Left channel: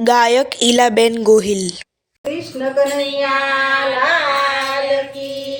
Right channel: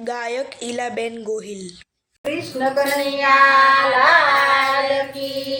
ગાયક ઈલાબેન ગોહિલ કૃષ્ણ કનૈયા લાલ કી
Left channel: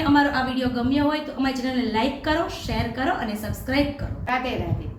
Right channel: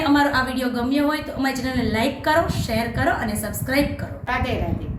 અમારો આ વીડિયો ગમ્યો હોય તો અમારી ચેનલને લાઈક કરો, શેર કરો અને સબસ્ક્રાઈબ કરો. રાધે રાધે.